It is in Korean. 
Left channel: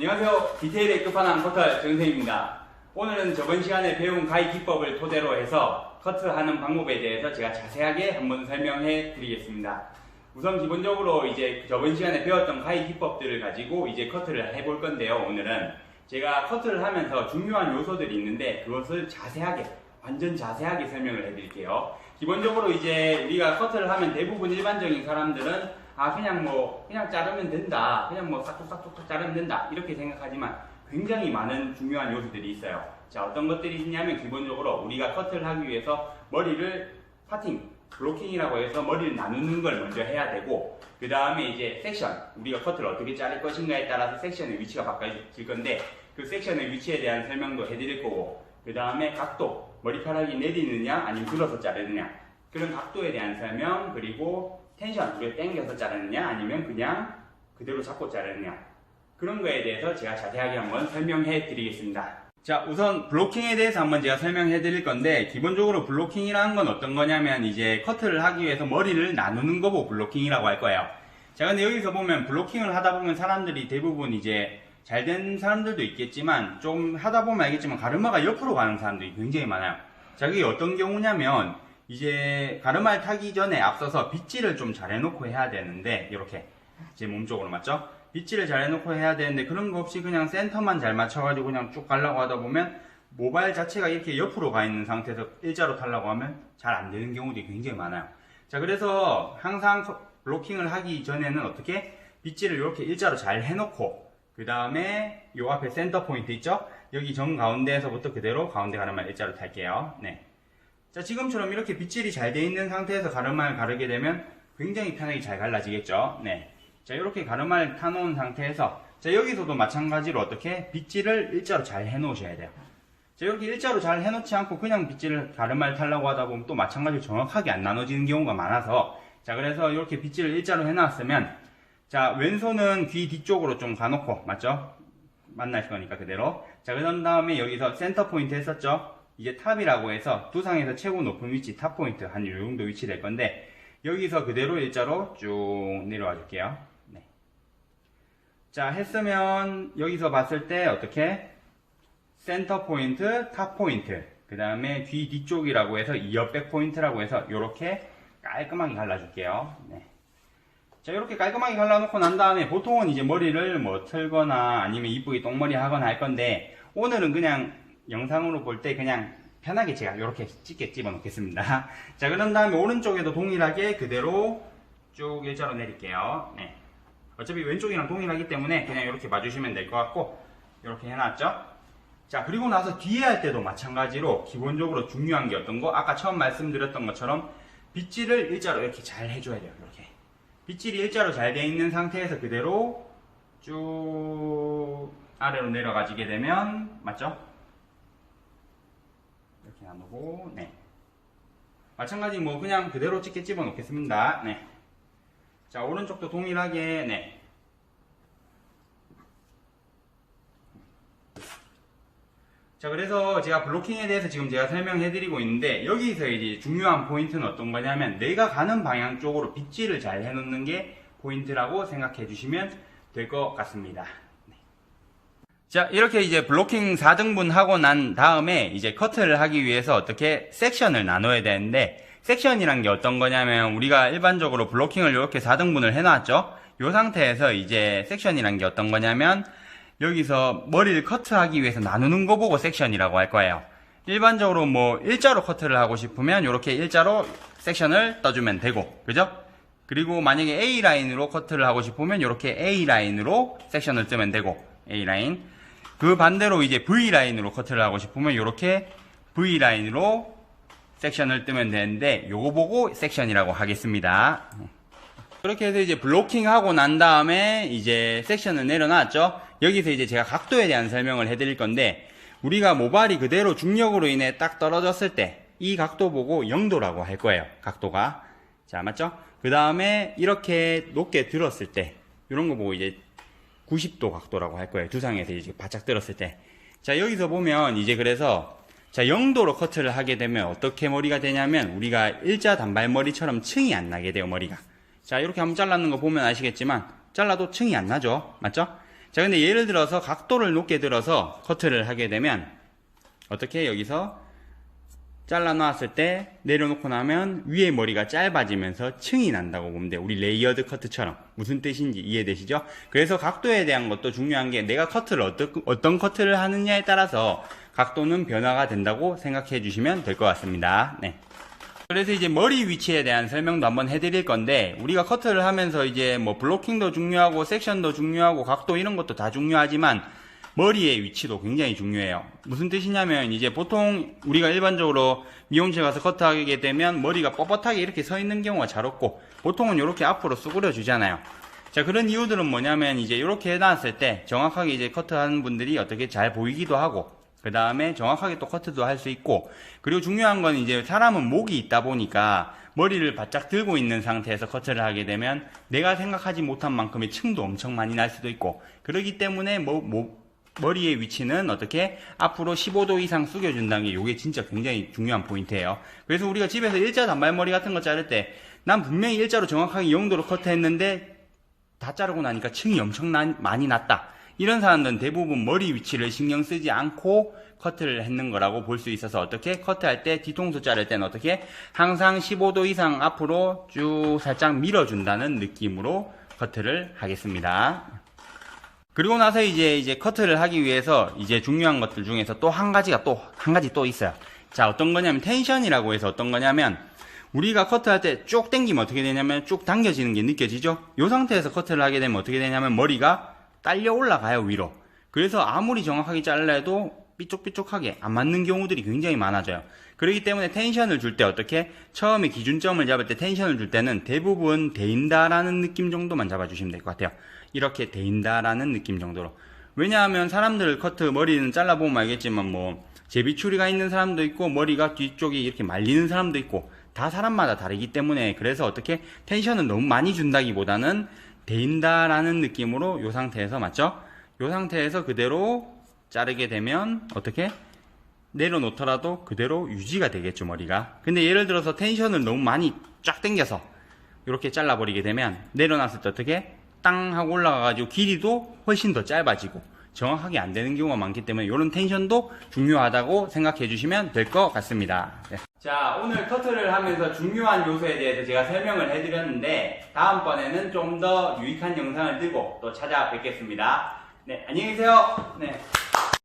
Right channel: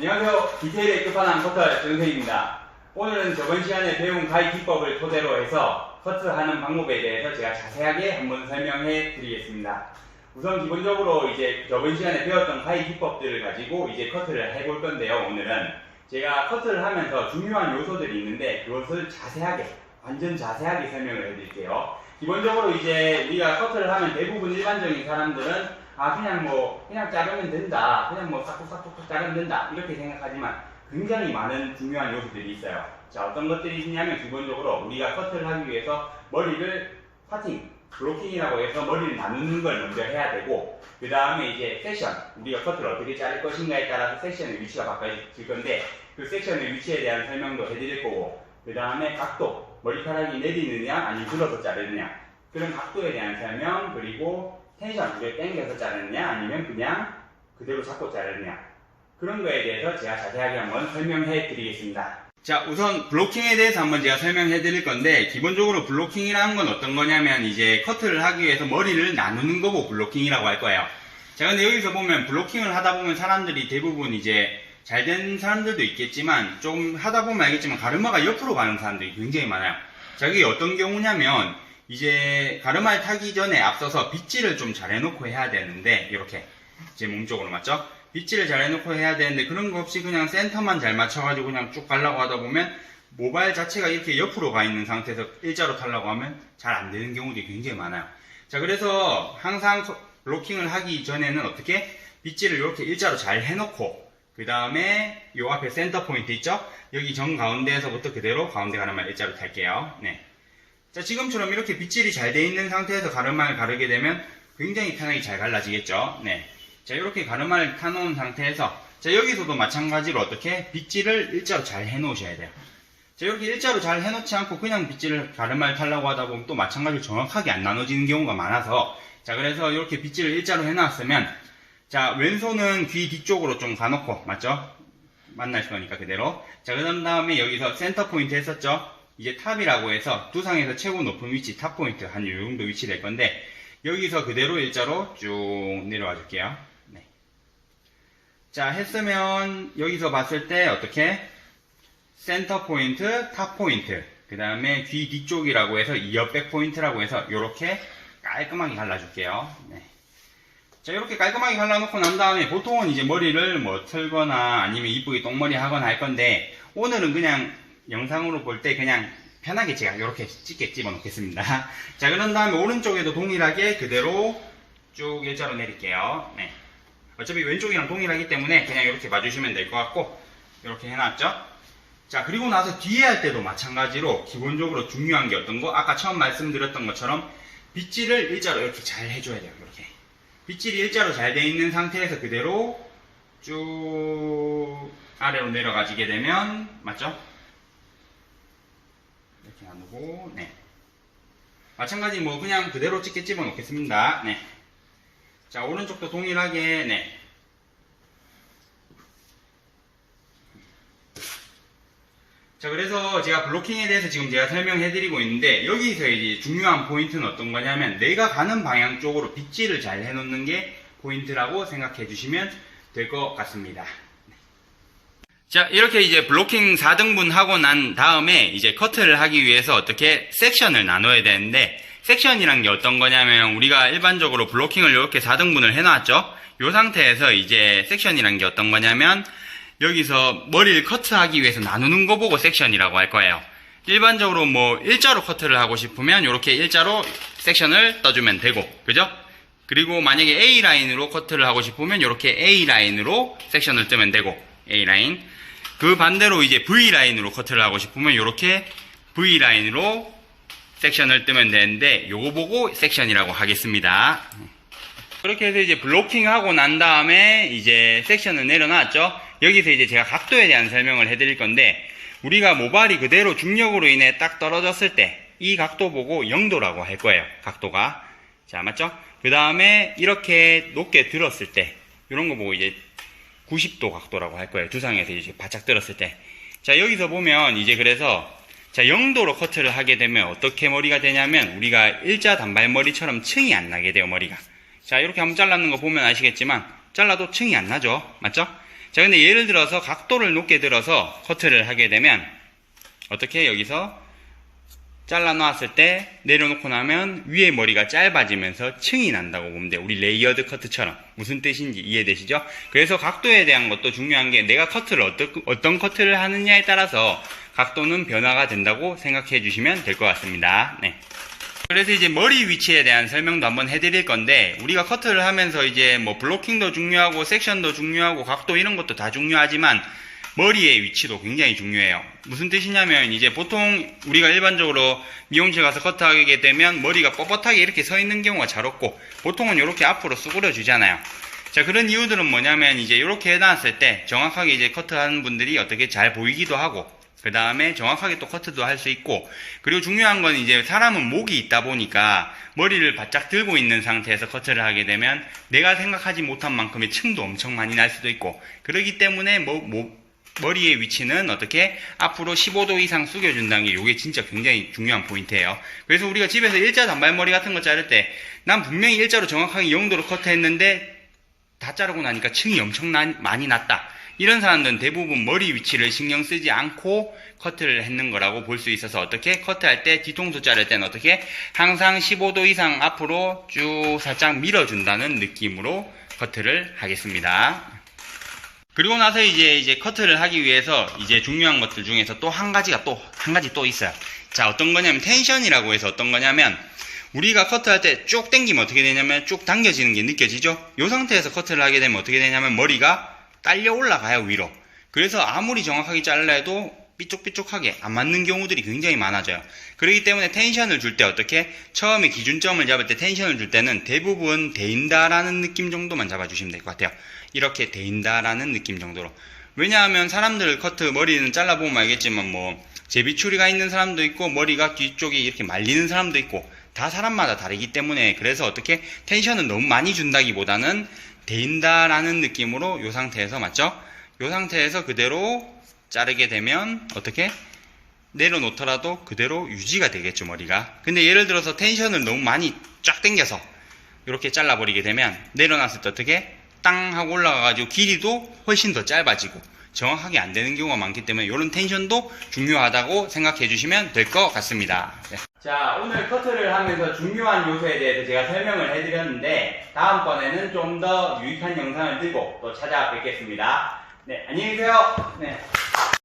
안녕하세요. 디테일에 끝판왕 커터 정선생입니다. 오늘은 저번 시간에 배운 가위 기법을 토대로 해서 커트하는 방법에 대해서 제가 자세하게 한번 설명해 드리겠습니다. 우선 기본적으로 이제 저번 시간에 배웠던 가위 기법들을 가지고 이제 커트를 해볼 건데요. 오늘은 제가 커트를 하면서 중요한 요소들이 있는데 그것을 자세하게, 완전 자세하게 설명을 해 드릴게요. 기본적으로 이제 우리가 커트를 하면 대부분 일반적인 사람들은 그냥 자르면 된다. 그냥 뭐 싹둑싹둑 자르면 된다. 이렇게 생각하지만 굉장히 많은 중요한 요소들이 있어요. 자, 어떤 것들이 있냐면 기본적으로 우리가 커트를 하기 위해서 머리를 파팅, 블로킹이라고 해서 머리를 나누는 걸 먼저 해야 되고, 그 다음에 이제 섹션, 우리가 커트를 어떻게 자를 것인가에 따라서 섹션의 위치가 바꿔질 건데 그 섹션의 위치에 대한 설명도 해드릴 거고, 그 다음에 각도, 머리카락이 내리느냐 아니면 들어서 자르느냐 그런 각도에 대한 설명, 그리고 텐션, 이걸 당겨서 자르느냐 아니면 그냥 그대로 잡고 자르느냐 그런 거에 대해서 제가 자세하게 한번 설명해 드리겠습니다. 자, 우선 블로킹에 대해서 한번 제가 설명해 드릴 건데, 기본적으로 블로킹이라는 건 어떤 거냐면 이제 커트를 하기 위해서 머리를 나누는 거고 블로킹이라고 할 거예요. 자, 근데 여기서 보면 블로킹을 하다 보면 사람들이 대부분 이제 잘 된 사람들도 있겠지만 좀 하다 보면 알겠지만 가르마가 옆으로 가는 사람들이 굉장히 많아요. 자, 그게 어떤 경우냐면 이제 가르마를 타기 전에 앞서서 빗질을 좀 잘 해놓고 해야 되는데, 이렇게 제 몸 쪽으로 맞죠? 빗질을 잘 해놓고 해야 되는데 그런 거 없이 그냥 센터만 잘 맞춰가지고 그냥 쭉 가려고 하다 보면 모발 자체가 이렇게 옆으로 가 있는 상태에서 일자로 타려고 하면 잘 안 되는 경우들이 굉장히 많아요. 자, 그래서 항상 블로킹을 하기 전에는 어떻게 빗질을 이렇게 일자로 잘 해놓고, 그 다음에 요 앞에 센터 포인트 있죠? 여기 정 가운데에서부터 그대로 가운데 가르마 일자로 탈게요. 네. 자, 지금처럼 이렇게 빗질이 잘 돼 있는 상태에서 가르마를 가르게 되면 굉장히 편하게 잘 갈라지겠죠. 네. 자, 이렇게 가르마를 타놓은 상태에서, 자, 여기서도 마찬가지로 어떻게 빗질을 일자로 잘 해놓으셔야 돼요. 자, 이렇게 일자로 잘 해놓지 않고 그냥 빗질을 가르마를 타려고 하다 보면 또 마찬가지로 정확하게 안 나눠지는 경우가 많아서, 자, 그래서 이렇게 빗질을 일자로 해놨으면, 자, 왼손은 귀 뒤쪽으로 좀 가놓고, 맞죠? 만날 거니까 그대로. 자, 그 다음에 여기서 센터 포인트 했었죠? 이제 탑이라고 해서 두상에서 최고 높은 위치, 탑 포인트 한 요 정도 위치 될 건데, 여기서 그대로 일자로 쭉 내려와 줄게요. 네. 자, 했으면 여기서 봤을 때 어떻게 센터 포인트, 탑 포인트, 그 다음에 귀 뒤쪽이라고 해서 이어백 포인트라고 해서 이렇게 깔끔하게 갈라줄게요. 네. 자, 이렇게 깔끔하게 갈라놓고 난 다음에 보통은 이제 머리를 뭐 틀거나 아니면 이쁘게 똥머리 하거나 할 건데, 오늘은 그냥 영상으로 볼 때 그냥 편하게 제가 이렇게 찢게 집어 놓겠습니다. 자, 그런 다음에 오른쪽에도 동일하게 그대로 쭉 일자로 내릴게요. 네. 어차피 왼쪽이랑 동일하기 때문에 그냥 이렇게 봐주시면 될 것 같고, 이렇게 해놨죠? 자, 그리고 나서 뒤에 할 때도 마찬가지로 기본적으로 중요한 게 어떤 거? 아까 처음 말씀드렸던 것처럼 빗질을 일자로 이렇게 잘 해줘야 돼요. 이렇게. 빗질이 일자로 잘 돼 있는 상태에서 그대로 쭉 아래로 내려가지게 되면, 맞죠? 이렇게 나누고, 네. 마찬가지 뭐 그냥 그대로 찍게 집어 놓겠습니다. 네. 자, 오른쪽도 동일하게, 네. 자, 그래서 제가 블로킹에 대해서 지금 제가 설명해 드리고 있는데, 여기서 이제 중요한 포인트는 어떤 거냐면 내가 가는 방향 쪽으로 빗질을 잘 해 놓는 게 포인트라고 생각해 주시면 될 것 같습니다. 자, 이렇게 이제 블로킹 4등분 하고 난 다음에 이제 커트를 하기 위해서 어떻게 섹션을 나눠야 되는데, 섹션이란 게 어떤 거냐면 우리가 일반적으로 블로킹을 이렇게 4등분을 해놨죠? 이 상태에서 이제 섹션이란 게 어떤 거냐면 여기서 머리를 커트하기 위해서 나누는 거 보고 섹션이라고 할 거예요. 일반적으로 뭐 일자로 커트를 하고 싶으면 이렇게 일자로 섹션을 떠주면 되고, 그죠? 그리고 만약에 A라인으로 커트를 하고 싶으면 이렇게 A라인으로 섹션을 뜨면 되고, A라인. 그 반대로 이제 V라인으로 커트를 하고 싶으면 이렇게 V라인으로 섹션을 뜨면 되는데, 요거 보고 섹션이라고 하겠습니다. 그렇게 해서 이제 블로킹 하고 난 다음에 이제 섹션을 내려놨죠? 여기서 이제 제가 각도에 대한 설명을 해드릴 건데, 우리가 모발이 그대로 중력으로 인해 딱 떨어졌을 때 이 각도 보고 0도라고 할 거예요. 각도가. 자, 맞죠? 그 다음에 이렇게 높게 들었을 때 이런 거 보고 이제 90도 각도라고 할 거예요. 두상에서 이제 바짝 들었을 때. 자, 여기서 보면 이제 그래서 자, 0도로 커트를 하게 되면 어떻게 머리가 되냐면 우리가 일자 단발머리처럼 층이 안 나게 돼요, 머리가. 자, 이렇게 한번 잘라는 거 보면 아시겠지만 잘라도 층이 안 나죠? 맞죠? 자, 근데 예를 들어서 각도를 높게 들어서 커트를 하게 되면 어떻게 여기서 잘라 놓았을 때 내려놓고 나면 위에 머리가 짧아지면서 층이 난다고 보면 돼요. 우리 레이어드 커트처럼. 무슨 뜻인지 이해되시죠? 그래서 각도에 대한 것도 중요한 게 내가 커트를 어떤 커트를 하느냐에 따라서 각도는 변화가 된다고 생각해 주시면 될 것 같습니다. 네. 그래서 이제 머리 위치에 대한 설명도 한번 해드릴 건데, 우리가 커트를 하면서 이제 뭐 블로킹도 중요하고 섹션도 중요하고 각도 이런 것도 다 중요하지만 머리의 위치도 굉장히 중요해요. 무슨 뜻이냐면 이제 보통 우리가 일반적으로 미용실 가서 커트하게 되면 머리가 뻣뻣하게 이렇게 서 있는 경우가 잘 없고 보통은 이렇게 앞으로 수그려 주잖아요. 자, 그런 이유들은 뭐냐면 이제 이렇게 해놨을 때 정확하게 이제 커트하는 분들이 어떻게 잘 보이기도 하고, 그 다음에 정확하게 또 커트도 할 수 있고, 그리고 중요한 건 이제 사람은 목이 있다 보니까 머리를 바짝 들고 있는 상태에서 커트를 하게 되면 내가 생각하지 못한 만큼의 층도 엄청 많이 날 수도 있고, 그렇기 때문에 머리의 위치는 어떻게 앞으로 15도 이상 숙여준다는 게 이게 진짜 굉장히 중요한 포인트예요. 그래서 우리가 집에서 일자 단발머리 같은 거 자를 때 난 분명히 일자로 정확하게 0도로 커트했는데 다 자르고 나니까 층이 엄청 많이 났다. 이런 사람들은 대부분 머리 위치를 신경 쓰지 않고 커트를 했는 거라고 볼 수 있어서 어떻게 커트할 때 뒤통수 자를 때는 어떻게 항상 15도 이상 앞으로 쭉 살짝 밀어준다는 느낌으로 커트를 하겠습니다. 그리고 나서 이제 커트를 하기 위해서 이제 중요한 것들 중에서 또 한 가지 또 있어요. 자, 어떤 거냐면 텐션이라고 해서 어떤 거냐면 우리가 커트할 때 쭉 당기면 어떻게 되냐면 쭉 당겨지는 게 느껴지죠? 이 상태에서 커트를 하게 되면 어떻게 되냐면 머리가 딸려 올라가요, 위로. 그래서 아무리 정확하게 잘라 해도 삐쪽삐쪽하게 안 맞는 경우들이 굉장히 많아져요. 그렇기 때문에 텐션을 줄 때 어떻게 처음에 기준점을 잡을 때 텐션을 줄 때는 대부분 데인다라는 느낌 정도만 잡아주시면 될 것 같아요. 이렇게 데인다라는 느낌 정도로. 왜냐하면 사람들 커트 머리는 잘라보면 알겠지만 뭐 제비추리가 있는 사람도 있고 머리가 뒤쪽이 이렇게 말리는 사람도 있고 다 사람마다 다르기 때문에, 그래서 어떻게 텐션을 너무 많이 준다기보다는 데인다라는 느낌으로 이 상태에서, 맞죠? 이 상태에서 그대로 자르게 되면 어떻게 내려놓더라도 그대로 유지가 되겠죠, 머리가. 근데 예를 들어서 텐션을 너무 많이 쫙 당겨서 이렇게 잘라버리게 되면 내려놨을 때 어떻게 땅 하고 올라가가지고 길이도 훨씬 더 짧아지고 정확하게 안 되는 경우가 많기 때문에 이런 텐션도 중요하다고 생각해 주시면 될 것 같습니다. 네. 자, 오늘 커트를 하면서 중요한 요소에 대해서 제가 설명을 해드렸는데 다음번에는 좀 더 유익한 영상을 들고 또 찾아뵙겠습니다. 네, 안녕히 계세요. 네.